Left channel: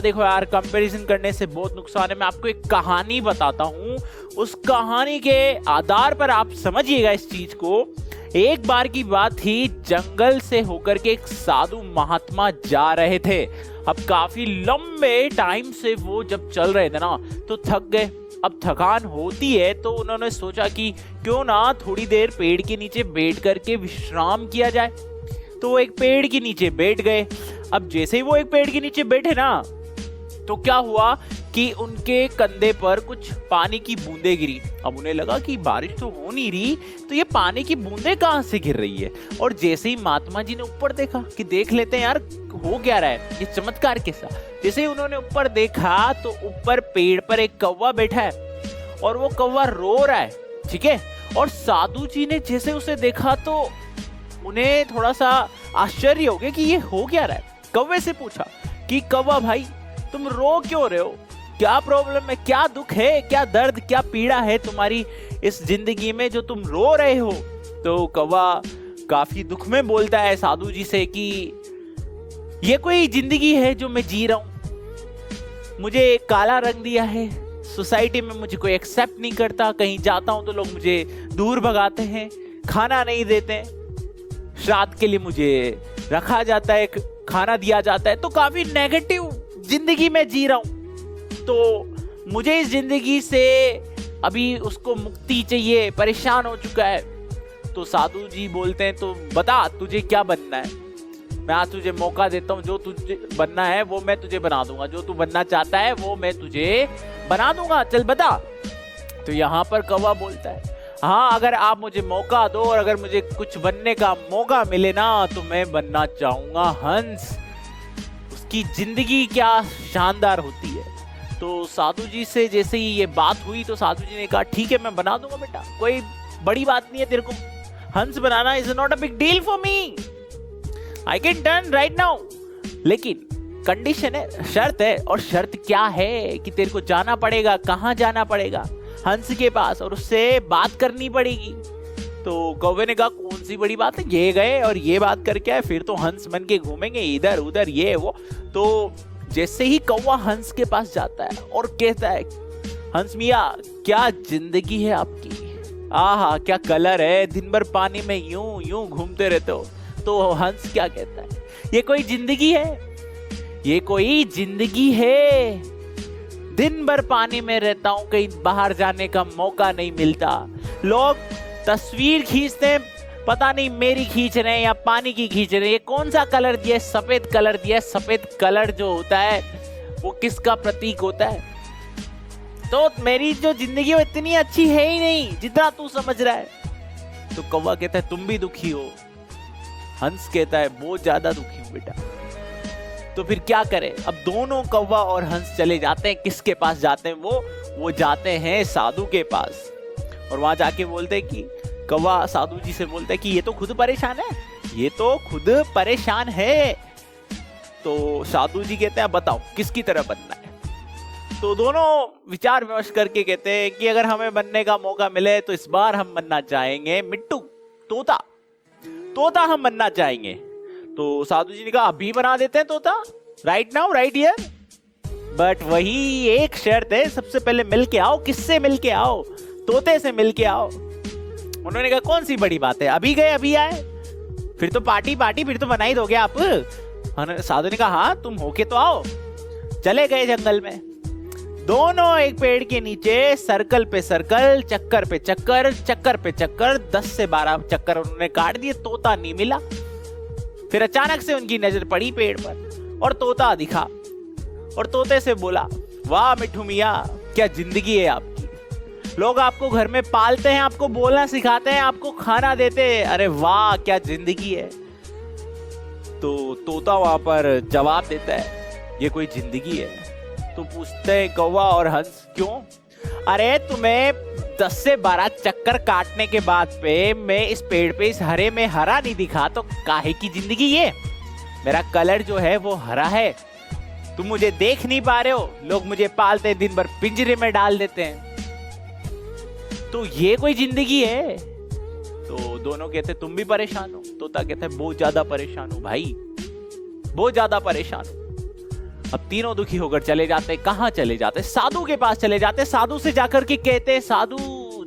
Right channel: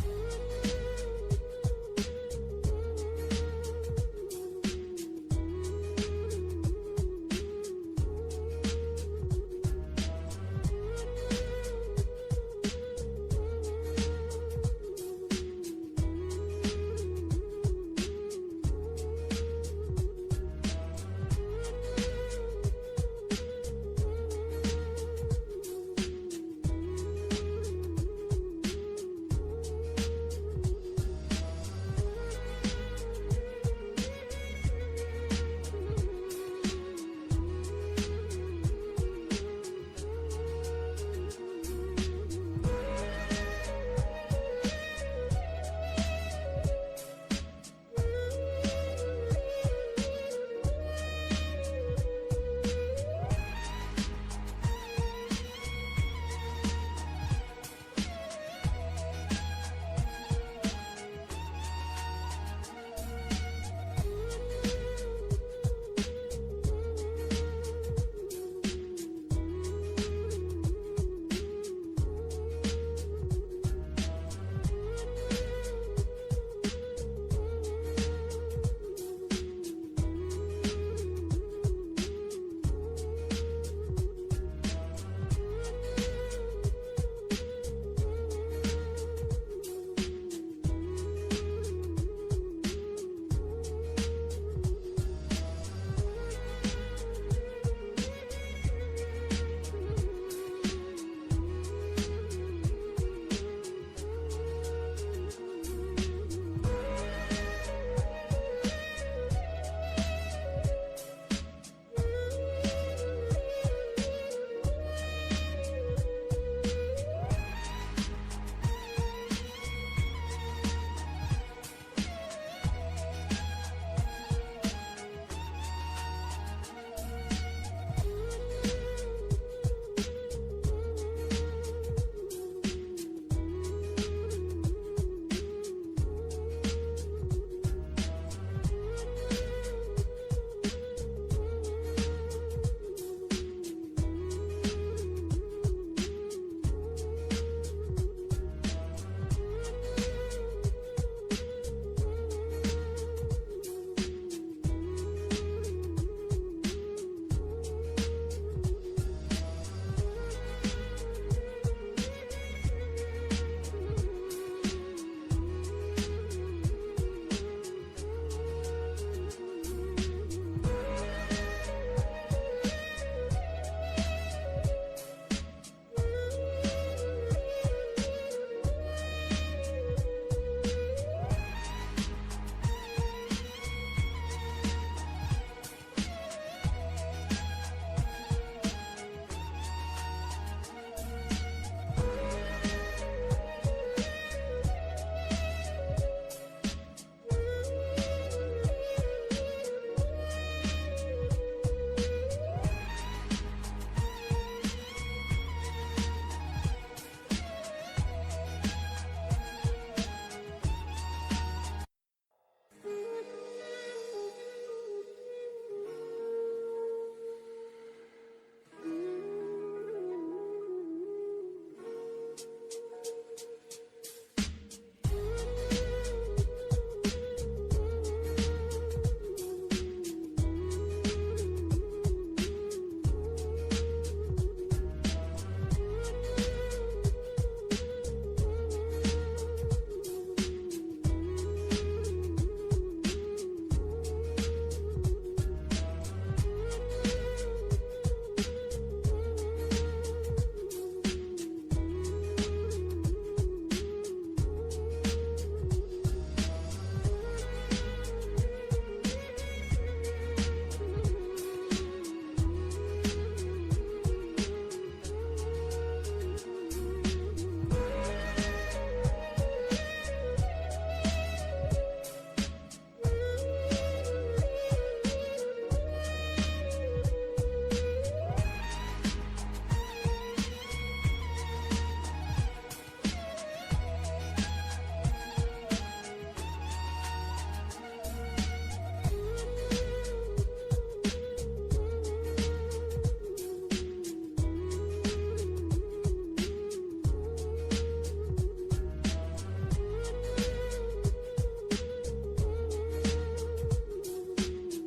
देखो यार, कंपैरिजन करने से बहुत नुकसान है। मैं आपको एक कहानी बताता हूँ, उस कहानी के आधार पर आप समझिएगा इस चीज को। एक बार की बात थी, जंगल से होकर के एक साधु महात्मा जा रहे थे। अब काफी लंबे टाइम से वो जब चल रहे थे ना, तो थक गए। अब थकान होती है तो उन्होंने सोचा कि क्यों ना थोड़ी देर पेड़ के नीचे बैठ करके विश्राम किया जाए। तो वो एक पेड़ के नीचे बैठ गए। अब जैसे ही वो एक पेड़ के नीचे बैठे ना, तो क्या हुआ कि उनके कंधे पर कुछ पानी की बूंदें गिरी। अब उन्हें लगा कि बारिश तो हो नहीं रही, तो ये पानी की बूंदें कहाँ से गिर रही है। और जैसे ही महात्मा जी ने ऊपर देखा कि देख लेते हैं यार हो क्या रहा है, ये चमत्कार कैसा। जैसे ही उन्होंने ऊपर देखा तो ऊपर पेड़ पर एक कौवा बैठा है और वो कौवा रो रहा है, ठीक है। और साधु जी ने जैसे उसे देखा तो उन्हें थोड़ा सा आश्चर्य हो गया कि ये हो क्या रहा है। कौवे से पूछा कि कौवा भाई, तुम रो क्यों रहे हो, क्या प्रॉब्लम है, क्या दुख है, क्या दर्द, क्या पीड़ा है तुम्हारी इस जिंदगी में जो तुम रो रहे हो। तो कौवा काफी दुख में बोलता है साधु जी से कि ये कोई जिंदगी है जो मैं जी रहा हूं, मुझे काला रंग दिया है, सोसाइटी में मुझे कोई एक्सेप्ट नहीं करता, कहीं जाता हूं तो लोग मुझे दूर भगाते हैं, खाना नहीं देते, श्राद्ध के लिए मुझे रखा जाता है, खाना दिया जाता है, तो काफी नेगेटिव जिंदगी में जी रहा हूं। तो मुझे इस जिंदगी से अभी उसको मुक्ति चाहिए, परेशान हो चुका है। तो साधु जी बोलते हैं तो बता तुझे क्या बनना है, मैं आज तुझे मौका देता हूँ, जो तुझे बनना है वो मैं तुझे बना दूंगा, जो तू बनना चाहता है वो मैं तुझे बना दूंगा, चल बता। तो यहाँ पर कौवा बोलता है हाँ, अगर आप मुझे मौका दो और अगर मुझे कुछ बनने का मौका मिले ना, तो मैं बनना चाहूंगा हंस। उसकी जिंदगी क्या शानदार होती है। तो साधु जी से जैसे ही ये बात हुई तो साधु जी ने कहा ठीक है मैं बना दूंगा बेटा, कोई बड़ी बात नहीं है, तेरे को हंस बनाना is not a big deal for me, I can done right now. लेकिन कंडीशन है, शर्त है, और शर्त क्या है कि तेरे को जाना पड़ेगा। कहाँ जाना पड़ेगा? हंस के पास, और उससे बात करनी पड़ेगी। तो कौवे ने कहा कौन सी बड़ी बात है, ये गए और ये बात करके आए, फिर तो हंस बन के घूमेंगे इधर उधर ये वो। तो जैसे ही कौवा हंस के पास जाता है और कहता है हंस मियाँ क्या जिंदगी है आपकी, आहा क्या कलर है, दिन भर पानी में यूं यूं घूमते रहते हो। तो हंस क्या कहता है, ये कोई जिंदगी है, ये कोई जिंदगी है, दिन भर पानी में रहता हूं, कहीं बाहर जाने का मौका नहीं मिलता, लोग तस्वीर खींचते हैं, पता नहीं मेरी खींच रहे हैं या पानी की खींच रहे हैं, ये कौन सा कलर दिया है, सफेद कलर दिया है, सफेद कलर जो होता है वो किसका प्रतीक होता है। तो मेरी जो जिंदगी है इतनी अच्छी है ही नहीं जितना तू समझ रहा है। तो कौवा कहता है तुम भी दुखी हो, हंस कहता है बहुत ज्यादा दुखी हूं बेटा। तो फिर क्या करें, अब दोनों कौवा और हंस चले जाते हैं, किसके पास जाते हैं वो जाते हैं साधु के पास। और वहां जाके बोलते हैं कि कौवा साधु जी से बोलता है कि ये तो खुद परेशान है, ये तो खुद परेशान है। तो साधु जी कहते हैं बताओ किसकी तरह बनना है। तो दोनों विचार विमर्श करके कहते हैं कि अगर हमें बनने का मौका मिले तो इस बार हम बनना चाहेंगे मिट्टू, तोता, तोता हम बनना चाहेंगे। तो साधु जी ने कहा अभी बना देते हैं तोता, right now right here, but वही एक शर्त है, सबसे पहले मिल के आओ। किससे मिल के आओ? तोते से मिल के आओ। उन्होंने कहा कौन सी बड़ी बात है, अभी गए अभी आए, फिर तो पार्टी पार्टी, फिर तो बना ही दोगे आप। साधु ने कहा हाँ तुम होके तो आओ। चले गए जंगल में, दोनों एक पेड़ के नीचे सर्कल पे सर्कल, चक्कर पे चक्कर, चक्कर पे चक्कर, 10 से 12 चक्कर उन्होंने काट दिए, तोता नहीं मिला। फिर अचानक से उनकी नजर पड़ी पेड़ पर और तोता दिखा, और तोते से बोला वाह मिठू मियाँ क्या जिंदगी है आपकी, लोग आपको घर में पालते हैं, आपको बोलना सिखाते हैं, आपको खाना देते हैं, अरे वाह क्या जिंदगी है। तो तोता वहां पर जवाब देता है ये कोई जिंदगी है। तो पूछते हैं कौवा और हंस क्यों? अरे तुम्हें 10 से 12 चक्कर काटने के बाद पे मैं इस पेड़ पे इस हरे में हरा नहीं दिखा तो काहे की जिंदगी ये? मेरा कलर जो है वो हरा है, तुम मुझे देख नहीं पा रहे हो, लोग मुझे पालते हैं, दिन भर पिंजरे में डाल देते हैं, तो ये कोई जिंदगी है? तो दोनों कहते तुम भी परेशान हो? तोता कहता है बहुत ज्यादा परेशान हूं भाई, बहुत ज्यादा परेशान हूं। अब तीनों दुखी होकर चले जाते। कहाँ चले जाते? साधु के पास चले जाते। साधु से जाकर के कहते, साधु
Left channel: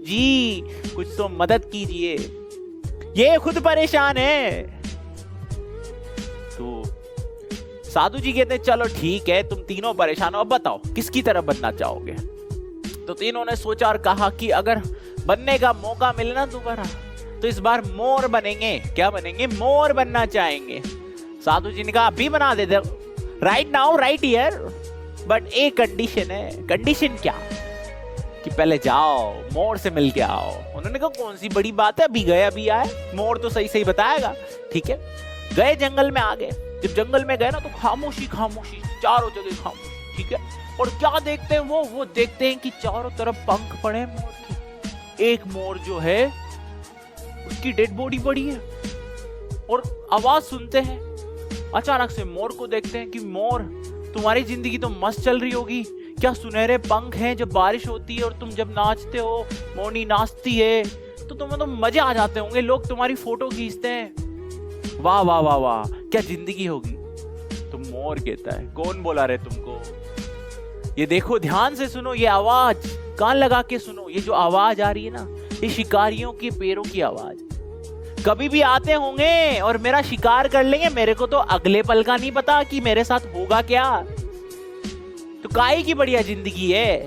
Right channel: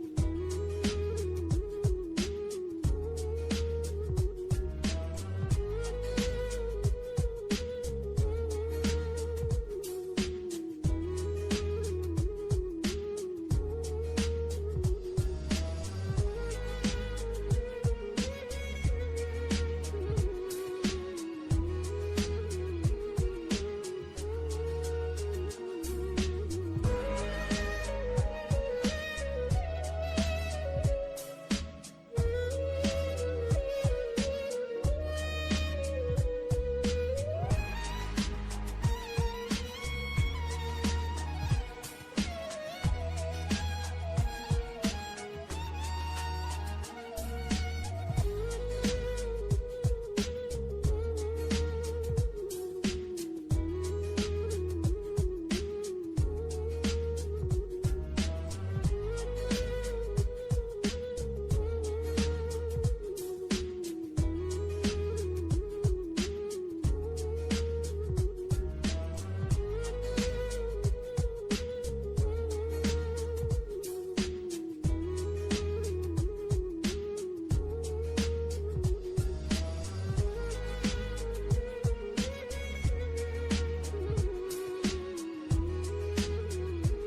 जी कुछ तो मदद कीजिए, ये खुद परेशान है। तो साधु जी कहते, चलो ठीक है, तुम तीनों परेशान हो, अब बताओ किसकी तरह बनना चाहोगे? तो तीनों ने सोचा और कहा कि अगर बनने का मौका मिले ना दोबारा, तो इस बार मोर बनेंगे। क्या बनेंगे? मोर बनना चाहेंगे। साधु जी ने कहा, अभी बना दे दो, right now, right here, but एक कंडीशन है। कंडीशन क्या? कि पहले जाओ मोर से मिल के आओ। उन्होंने कहा, कौन सी बड़ी बात है, अभी गए अभी आए, मोर तो सही सही बताएगा। ठीक है, गए जंगल में आ गए। जब जंगल में गए ना तो खामोशी खामोशी, चारों जगह खामोशी। ठीक है, और क्या देखते हैं वो देखते हैं कि चारों तरफ पंख पड़े हैं। एक मोर जो है उसकी डेड बॉडी पड़ी है, और आवाज सुनते हैं। अचानक से मोर को देखते हैं कि मोर, तुम्हारी जिंदगी तो मस्त चल रही होगी, क्या सुनहरे पंख हैं, जब बारिश होती है और तुम जब नाचते हो, मोरनी नाचती है, तो तुम्हें तो मजे आ जाते होंगे, लोग तुम्हारी फोटो खींचते हैं, वाह वाह वाह वाह, क्या जिंदगी होगी। तो मोर कहता है, कौन बोला रे तुमको? ये देखो, ध्यान से सुनो, ये आवाज कान लगा के सुनो। ये जो आवाज आ रही है ना, ये शिकारियों के पैरों की आवाज। कभी भी आते होंगे और मेरा शिकार कर लेंगे, मेरे को तो अगले पल का नहीं पता कि मेरे साथ होगा क्या। तो काहे की बढ़िया जिंदगी है।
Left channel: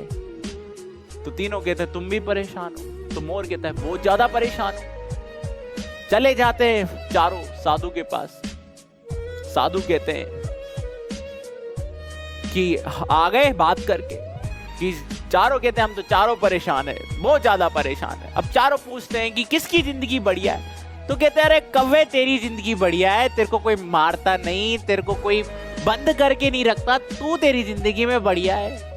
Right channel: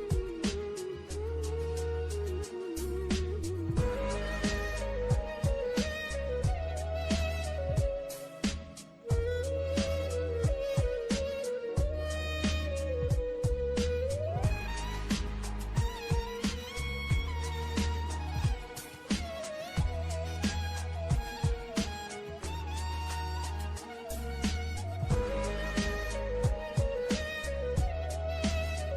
तो तीनों कहते हैं, तुम भी परेशान हो? तो मोर कहता है, बहुत ज्यादा परेशान। चले जाते हैं चारों साधु के पास। साधु कहते हैं कि आ गए बात करके, कि चारों कहते हैं, हम तो चारों परेशान है, बहुत ज्यादा परेशान है। अब चारों पूछते हैं कि किसकी जिंदगी बढ़िया है? तो कहते हैं, अरे कव्वे तेरी जिंदगी बढ़िया है, तेरे को कोई मारता नहीं, तेरे को कोई बंद करके नहीं रखता, तू तेरी जिंदगी में बढ़िया है।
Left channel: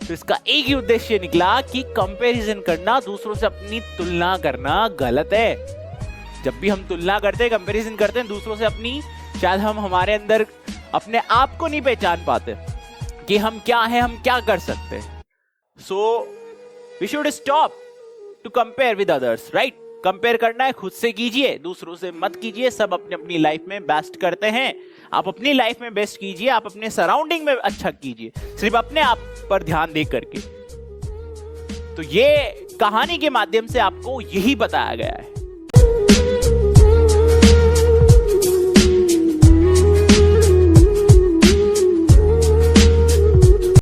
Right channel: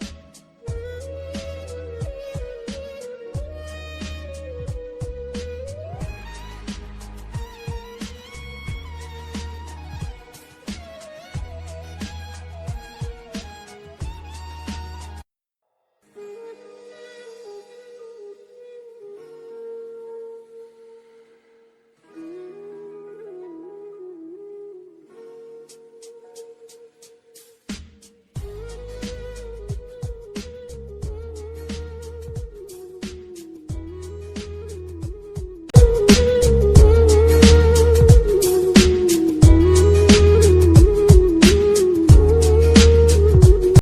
तो इसका एक ही उद्देश्य निकला कि कंपैरिजन करना, दूसरों से अपनी तुलना करना गलत है। जब भी हम तुलना करते हैं, कंपैरिजन करते हैं दूसरों से अपनी, शायद हम हमारे अंदर अपने आप को नहीं पहचान पाते कि हम क्या हैं, हम क्या कर सकते हैं। So we should stop to compare with others, right? Compare करना है खुद से कीजिए, दूसरों से मत कीजिए। सब अपने अपनी लाइफ में बेस्ट करते हैं, आप अपनी लाइफ में बेस्ट कीजिए, आप अपने सराउंडिंग में अच्छा कीजिए, सिर्फ अपने आप पर ध्यान दे करके। तो ये कहानी के माध्यम से आपको यही बताया गया है।